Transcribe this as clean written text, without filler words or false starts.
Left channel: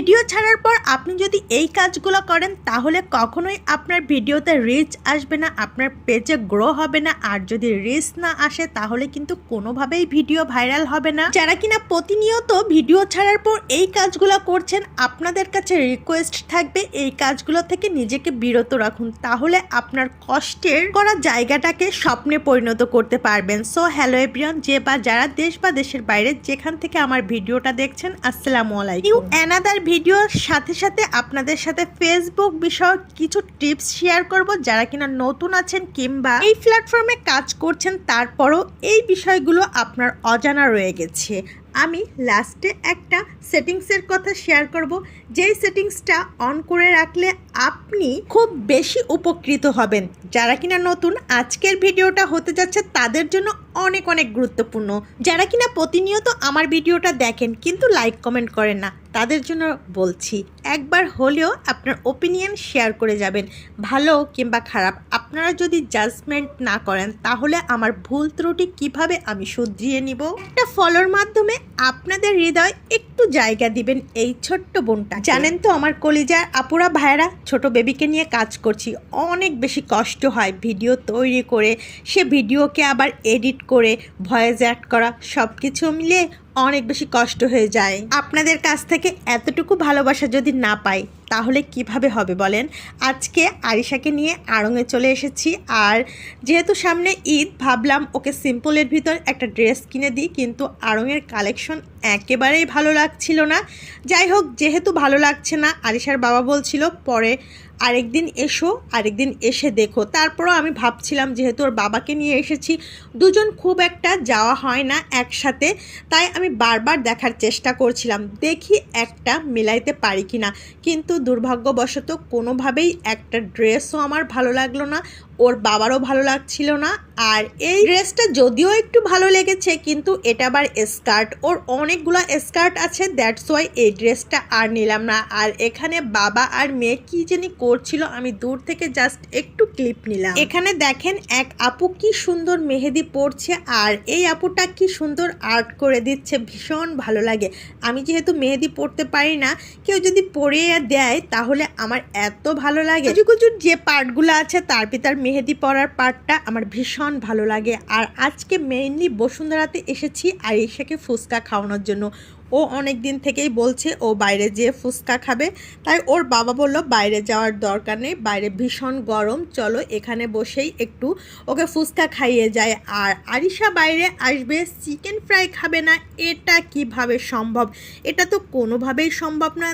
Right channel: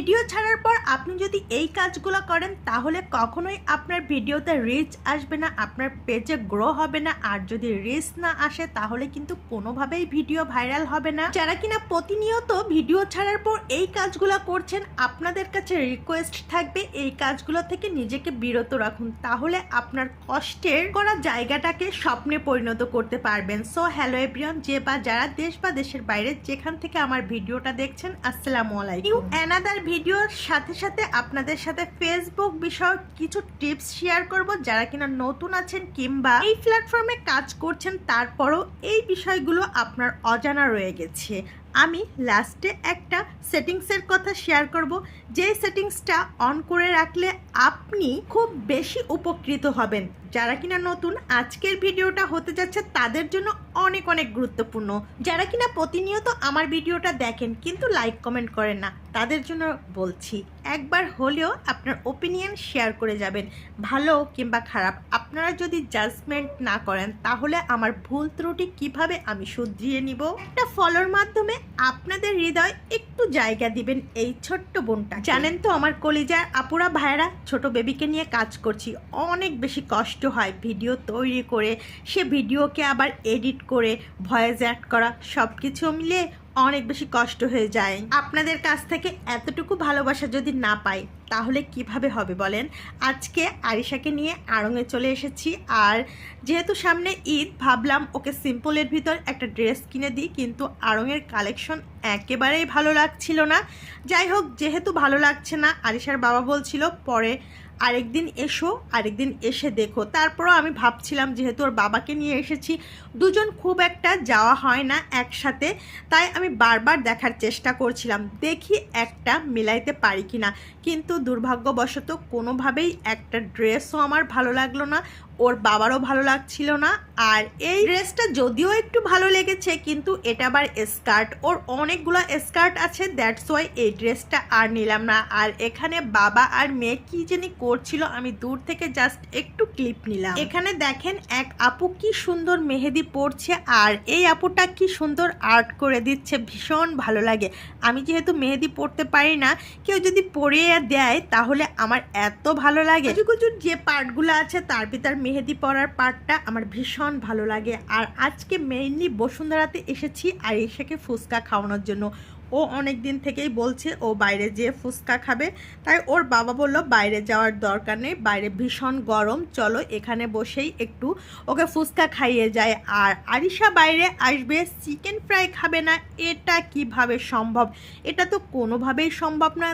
Video ছাড়ার পর আপনি যদি এই কাজগুলো করেন তাহলে কখনোই আপনার ভিডিওতে রিচ আসবে না, আপনার পেজে গ্রো হবে না। আর যদি রিচ না আসে তাহলে কিন্তু কোনোভাবেই ভিডিও ভাইরাল হবে না। যারা কিনা প্রতিনিয়ত ভিডিও ছাড়ার পর এই কাজগুলো করছেন, আপনাদের কাছে রিকোয়েস্ট থাকবে এই কাজগুলো থেকে নিজেকে বিরত রাখুন, তাহলে আপনার কষ্টের করা জায়গাটাকে স্বপ্নে পরিণত করতে পারবেন। সো হ্যালো এভরিওয়ান, যে বা যারা দেশ বা দেশের বাইরে যেখান থেকে আমার ভিডিওটা দেখছেন, আসসালামু আলাইকুম। অ্যানাদার ভিডিওর সাথে সাথে আপনাদের সাথে ফেসবুক বিষয়ক কিছু টিপস শেয়ার করব। যারা কিনা নতুন আছেন কিংবা এই প্ল্যাটফর্মে কাজ করছেন তারপরও এই বিষয়গুলো আপনার অজানা রয়ে গেছে, আমি লাস্টে একটা সেটিংসের কথা শেয়ার করব। যেই সেটিংসটা অন করে রাখলে আপনি খুব বেশি উপকৃত হবেন। যারা কিনা নতুন, আজকের ভিডিওটা হতে যাচ্ছে তাদের জন্য অনেক অনেক গুরুত্বপূর্ণ। যারা কিনা প্রতিনিয়ত আমার ভিডিওটা দেখেন কিন্তু লাইক কমেন্ট করেন না, তাদের জন্য বলছি একবার হলেও আপনার ওপিনিয়ন শেয়ার করে যাবেন, ভালো কিংবা খারাপ। আপনারা যদি জাজমেন্ট না করেন তাহলে আমার ভুল ত্রুটি কিভাবে আমি শুধরিয়ে নিব। একটা ফলোর মাধ্যমে আপনাদের হৃদয় একটু জায়গা দিবেন এই ছোট্ট বোনটা। জানেন তো আমার কলিজার আপুরা ভাইরা, ছোট বেবিকে নিয়ে কাজ করছি, অনেক বেশি কষ্ট হয় ভিডিও তৈরি করে, সে ভিডিওকে আবার এডিট করে ভয়েস অ্যাড করা, সব কিছু মিলিয়ে অনেক বেশি কষ্ট হয়ে যায়। আপনাদের কাছ থেকে এতটুকু ভালোবাসা যদি না পাই তাহলে কিভাবে হবে বলেন। আজকে আরিশাকে নিয়ে আড়ংয়ে চলে এসেছি, আর যেহেতু সামনে ঈদ ভাবলাম ওকে সিম্পলের ভিতর একটা ড্রেস কিনে দিই, কিন্তু আড়ংয়ের কালেকশন একেবারেই ভালো লাগছিল না। যাই হোক, যেহেতু ভালো লাগছে না, আরিশার বাবা বলছিল পরে আরেকদিন এসে দেখো। তারপরও আমি ভাবছিলাম যেহেতু ওর বাবাকে নিয়ে এসেছি, দুজন খুব একটা যাওয়া হয় না একসাথে, তাই আমি বারবার দেখার চেষ্টা করছিলাম দেখি একটা মিলাইতে পারি কি না। কিন্তু দুর্ভাগ্যবশত কোনোভাবেই একটা ড্রেসও আমার ভালো লাগলো না, ওর বাবারও ভালো লাগছিল না। আর এই ড্রেসটা যদিও একটু ভালো লেগেছে, কিন্তু এটা আবার স্কার্ট, ওর অনেকগুলো স্কার্ট আছে, দ্যাটস ওয়াই এই ড্রেসটা আর নিলাম না। আর এখানে বাবা আর মেয়ে কি জানি করছিল, আমি দূর থেকে জাস্ট একটু ক্লিপ নিলাম। এখানে দেখেন এক আপু কি সুন্দর মেহেদি পরছে, আর এই আপুটা কি সুন্দর আর্ট করে দিচ্ছে, ভীষণ ভালো লাগে। আমি যেহেতু মেহেদি পরতে পারি না, কেউ যদি পরিয়ে দেয় তাহলে আমার এত ভালো লাগে। কুচুর যে পার্টগুলো আছে তার ভিতর মেহেদি পরার পার্টটা আমার ভীষণ ভালো লাগে। আর আজকে মেইনলি বসুন্ধরাতে এসেছি আরিশাকে ফুচকা খাওয়ানোর জন্য। ও অনেক দিন থেকেই বলছে ও বাইরে যেয়ে ফুচকা খাবে, তাই ওর বাবা বলল বাইরে যাওয়ার দরকার নেই, বাইরে ভীষণ গরম, চলো এখানে বসেই একটু ওকে ফুচকা খাইয়ে যায়। আর আরিশা বাইরে আসবে, চিকেন ফ্রাই খাবে না, এটা কিভাবে সম্ভব? এটা তো কোনোভাবেই সম্ভব না।